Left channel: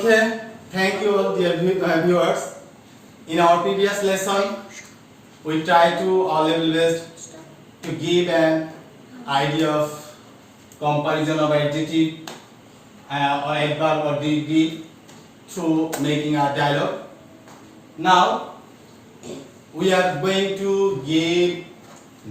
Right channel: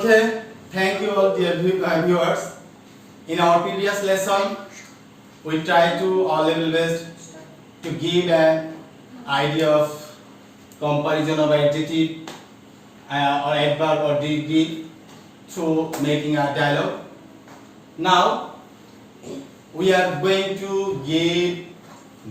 Okay, thank you all dear viewers. In our previous lesson, we tried to our level best to give an idea of comparison of adjective or adverb or degree through making a dialogue. Now, we are going to give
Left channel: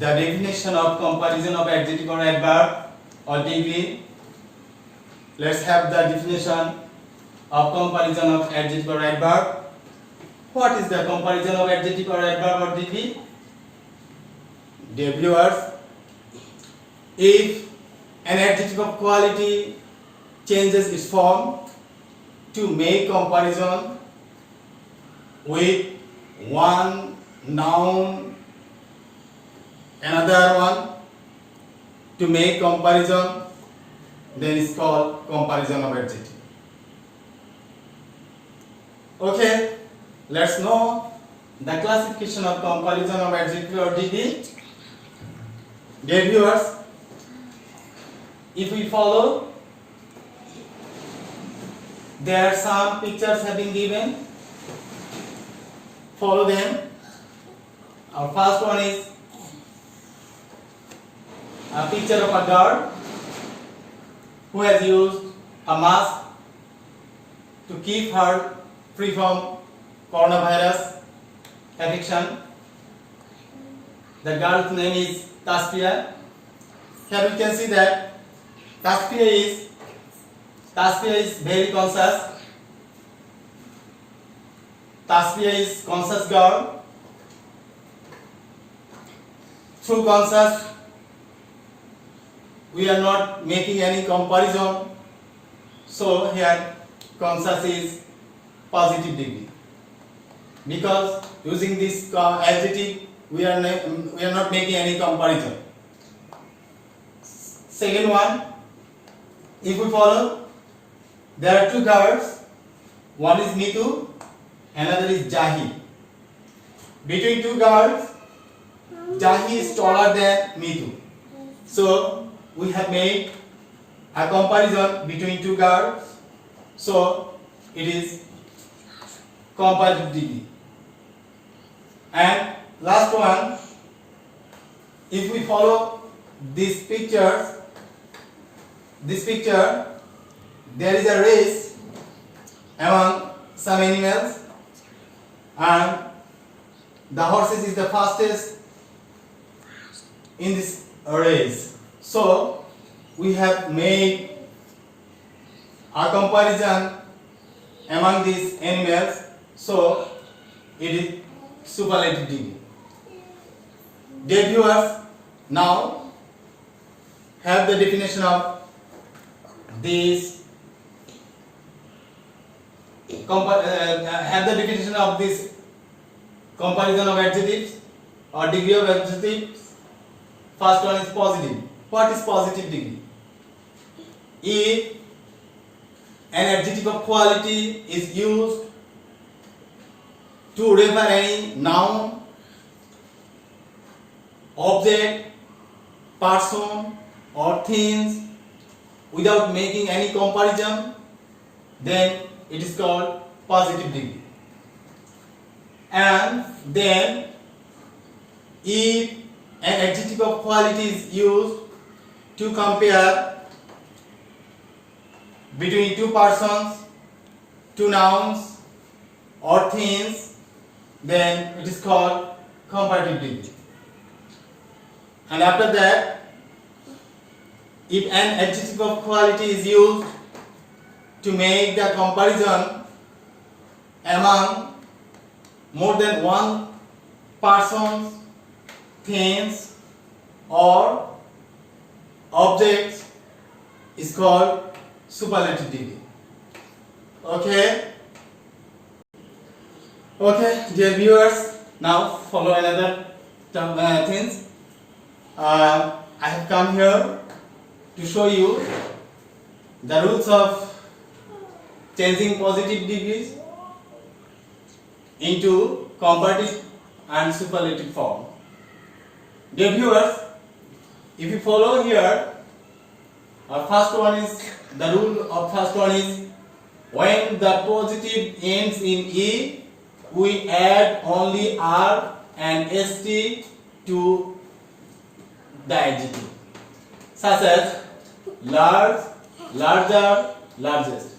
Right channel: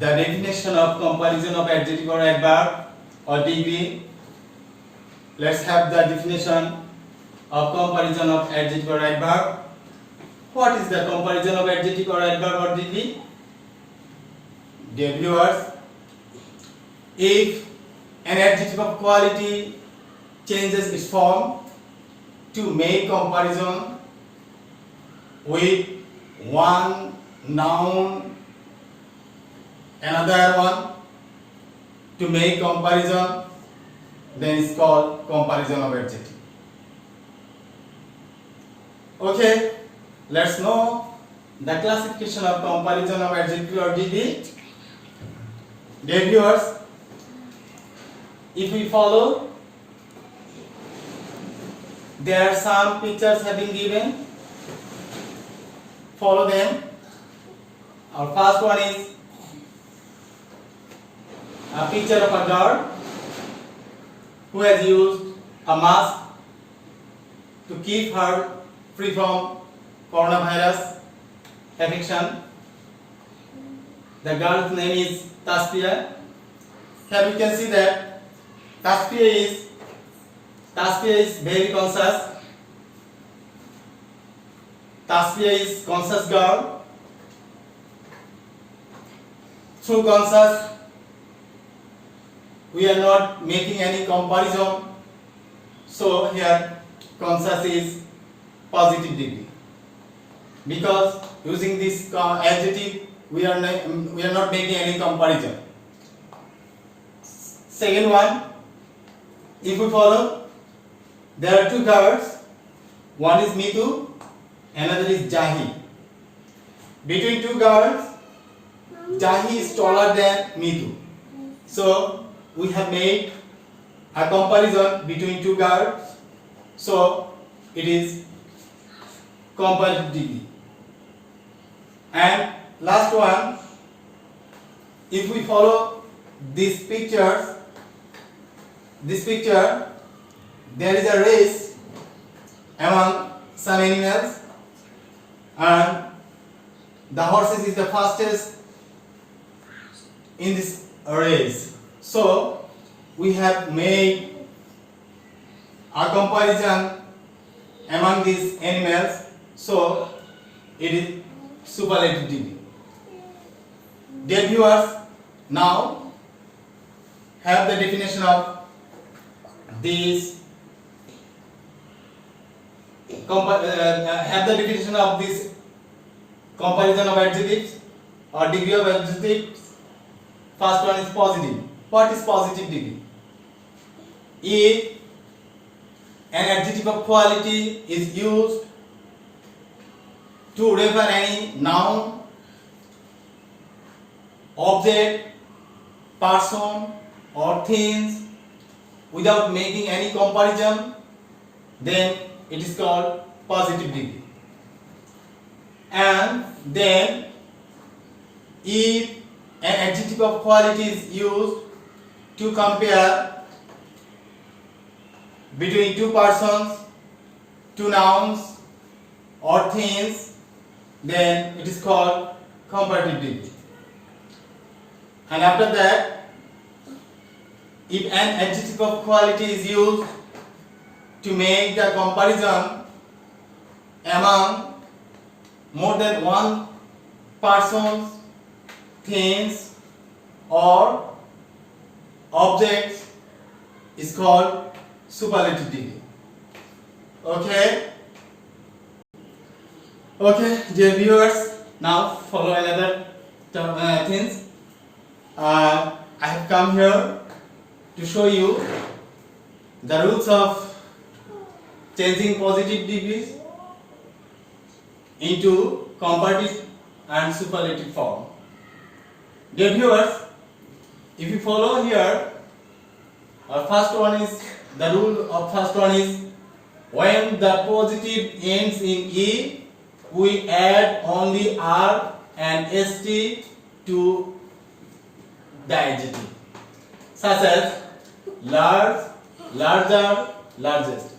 the definition of comparison of adjective or adverb or degree. Let's have the definition of comparison of adjective or adverb. What is the comparison of adjective or adverb or degree? Dear viewers, if an adjective of quality changes its form to make comparison with one noun, another one, to make comparison, then it's called comparison of adjective. Okay, let's know the classification of comparison of adjective or degree. Dear viewers, if we follow, there are some pictures have been given. Follow them. Our first one is a picture of a girl who has used a mask to keep her free from coronavirus infection. The girl's name is Tasfiya. Here we can see that Tasfiya is very conscious. Tasfiya is conscious girl. Through conscious, we are not making any comparison. So here conscious is positive degree, because using this adjective we are not making any comparison. Second one, if we follow, there are two girls. One is Mitu, another is Jahi. Between two girls, Jahi is taller than Mitu. So we have made a comparison between two girls. So it is comparative degree. And last one, if we follow these pictures, there is a race among some animals, and the horses is the fastest in this race. So we have made a comparison among these animals. So it is superlative degree. Dear viewers, now have the definition of this comparison of adjectives or degree of adjectives. First one is positive. What is positive degree? If an adjective of quality is used to refer any noun, object, person or things without making any comparison, then it is called positive degree. And then if an adjective of quality is used to compare between two persons, two nouns or things, then it is called comparative degree. And after that, if an adjective of quality is used to make the comparison among more than one person, things or objects, is called superlative degree. Okay, dear viewers, now follow another things. I have come here to show you the rules of changing positive degrees into comparative and superlative form. Dear viewers, if you follow here, our first one is the rule of first one is when the positive ends in E, we add only R and ST to the adjective, such as large, larger, largest.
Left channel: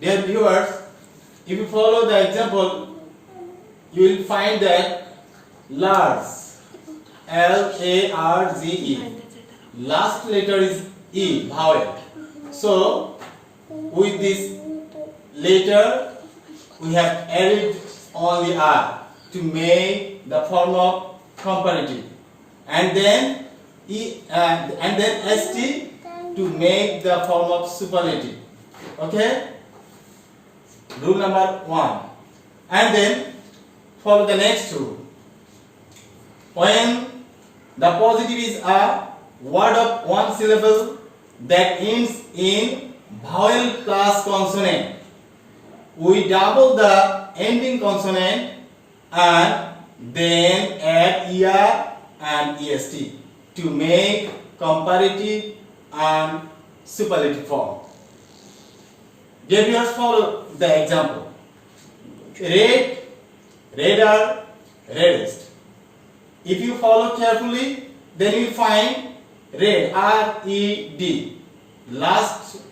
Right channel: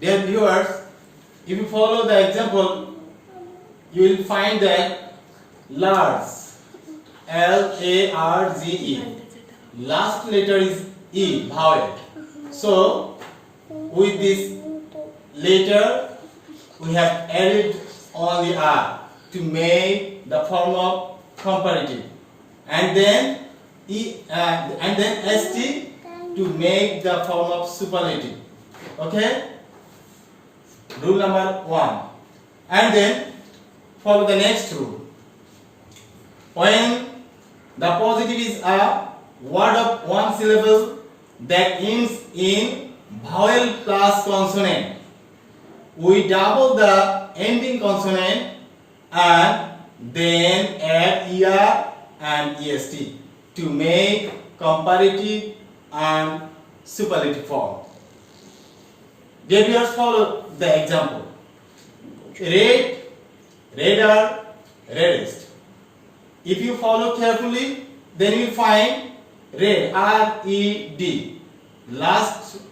Dear viewers, if you follow the example, you will find that large, Large, last letter is E, vowel. So with this letter we have added only R to make the form of comparative, and then and then ST to make the form of superlative. Okay, rule number 1. And then follow the next rule. When the positive is a word of one syllable that ends in vowel plus consonant, we double the ending consonant and then add ER and EST to make comparative and superlative form. Dear viewers, follow the example. Red, redder, reddest. If you follow carefully, then you find red, R-E-D. Last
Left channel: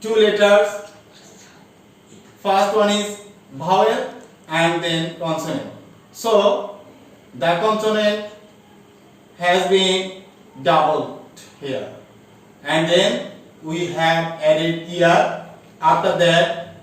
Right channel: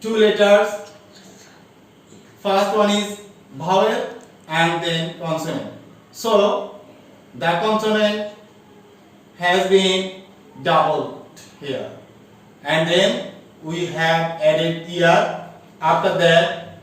two letters, first one is vowel and then consonant. So the consonant has been doubled here, and then we have added ER. After that,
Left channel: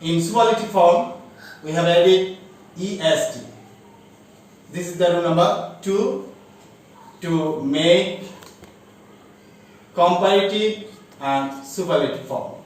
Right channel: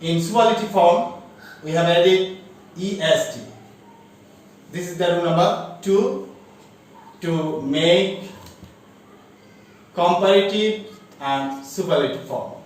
in superlative form, we have added EST. This is the rule number 2 to make comparative and superlative form.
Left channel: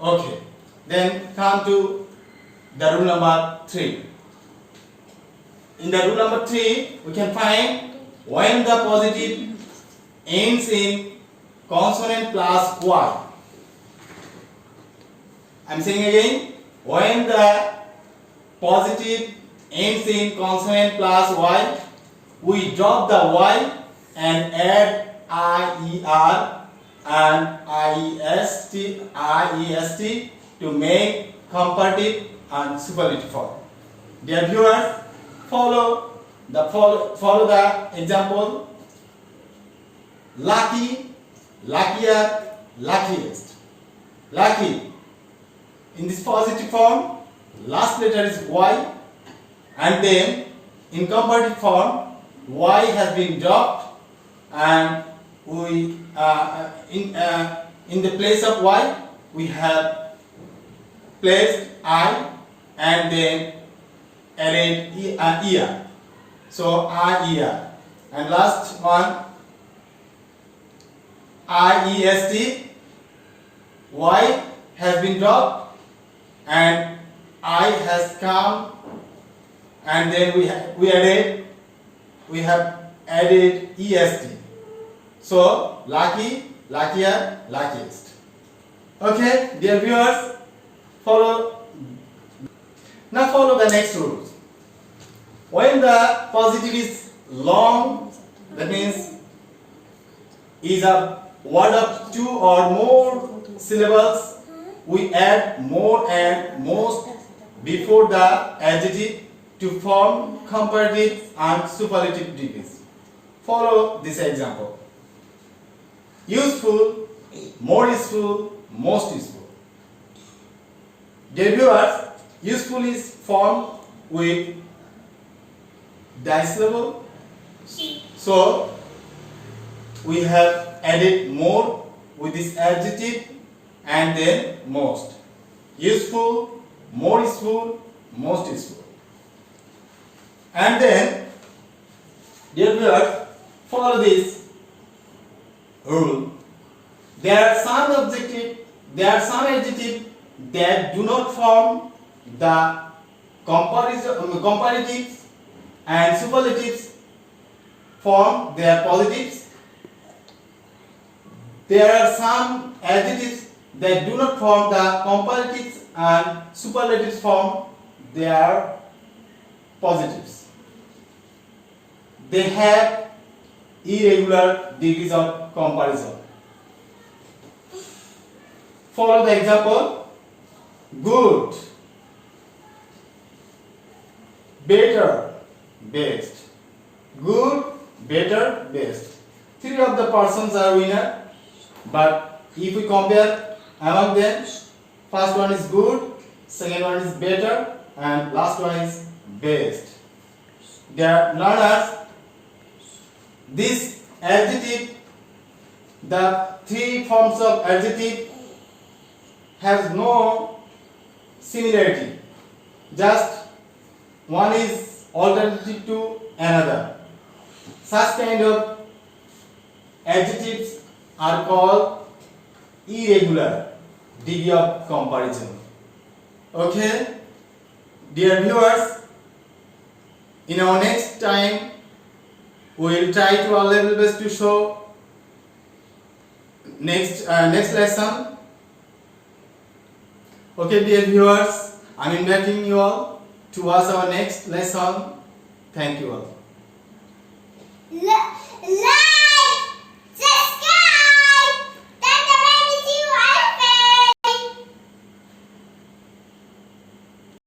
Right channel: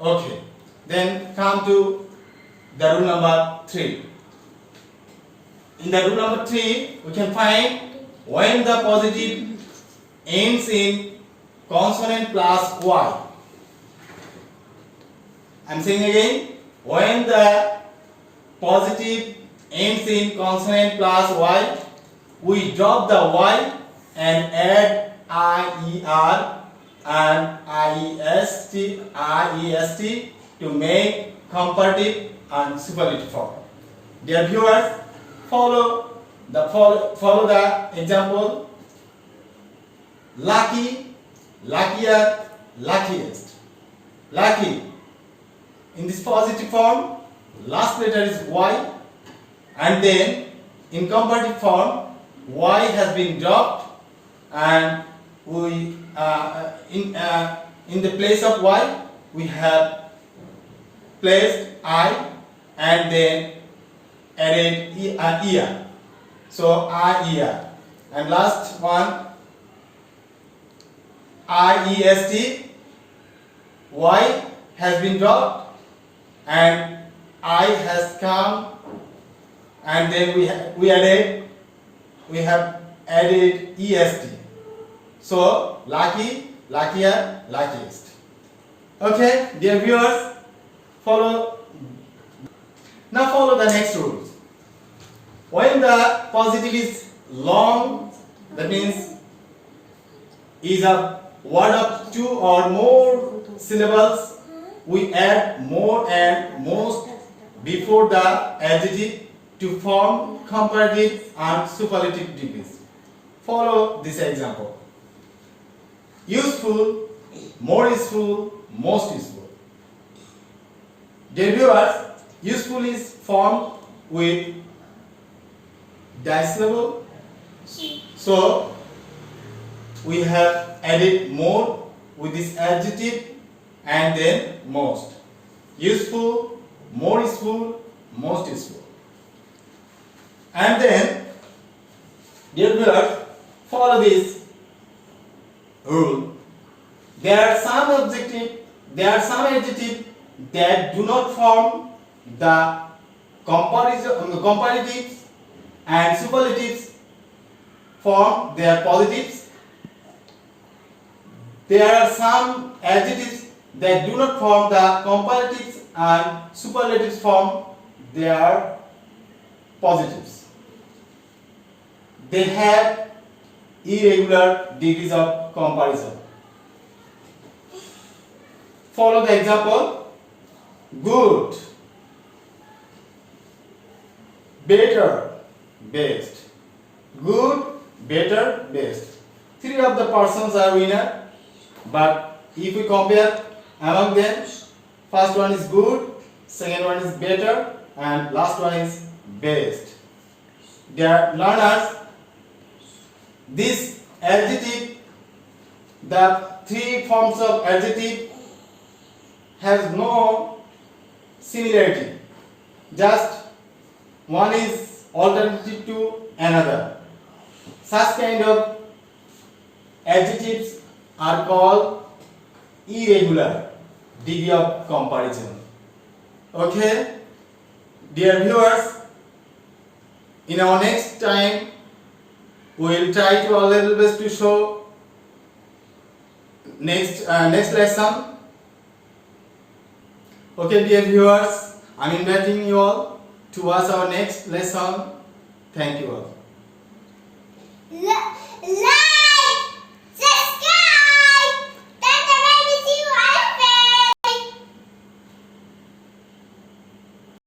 Okay, then come to the rule number 3. In the rule number 3, we can find when the positive ends in consonant plus Y. I am saying again, when the positive ends in consonant plus Y, we drop the Y and add IER and IEST to make comparative and superlative form. Dear viewers, follow the example. Lucky, luckier, luckiest. Lucky. In this positive form, last letter is Y, and then in comparative form, Y has been dropped, and we in the place of Y we have placed I and then added ER. So IER, and last one IEST. Y has been dropped and I has come, and then we have added EST. So lucky, luckier, luckiest. Okay, dear viewers, follow the next rules. When the positive is long, that means is a word of 2 or more syllables, we add more and most before the adjective to form comparative and superlative degrees. Follow this example. Useful, more useful, most useful. Dear viewers, useful is formed with dissyllable. So we have added more with this adjective and then most. Useful, more useful, most useful. And then, dear viewers, follow this rule. There are some adjectives that do not form the comparatives and superlatives form their positives. There are some adjectives that do not form the comparatives and superlatives form their positives. They have irregular degrees of comparison. Follow the example. good, better, best. Good, better, best. Three of the persons are winner, but if we compare among them, first one is good, second one is better, and last one is best. Dear learners, this adjective, the three forms of adjective have no similarity. Just one is alternative to another. Such kind of adjectives are called irregular degree of comparison. Okay, dear viewers, in our next time we will try to our level best to show next lesson. Okay, dear viewers, I am inviting you all to watch our next lesson. Thank you all.